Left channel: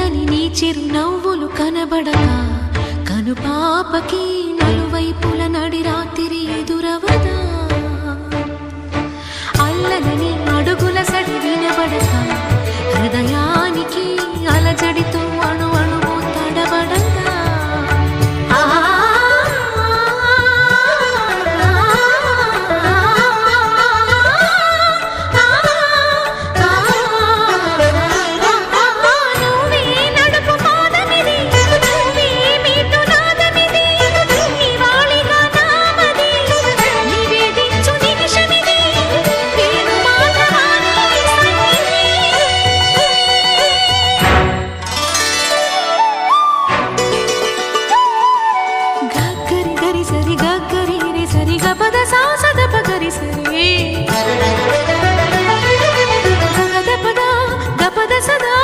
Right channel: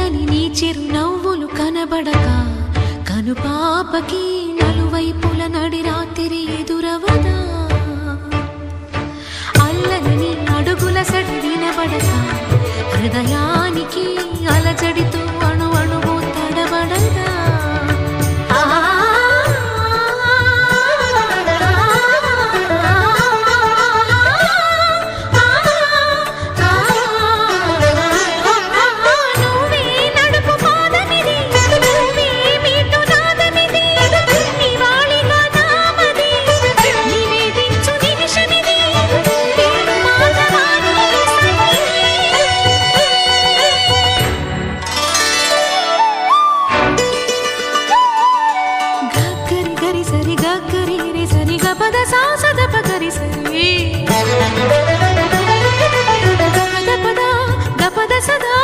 చల్లని నీ చిరు నవ్వులు కనబడక కనుపాపకి నలువైపుల నడి రాత్రి ఎదురవదా అల్లనని అడుగుల సడి వినబడక హృదయానికి అలజడితో అణు అణువు తడబడదా సరి గరి రే సరి గపద సాసద పగరి సరి గగద పద గపద సదా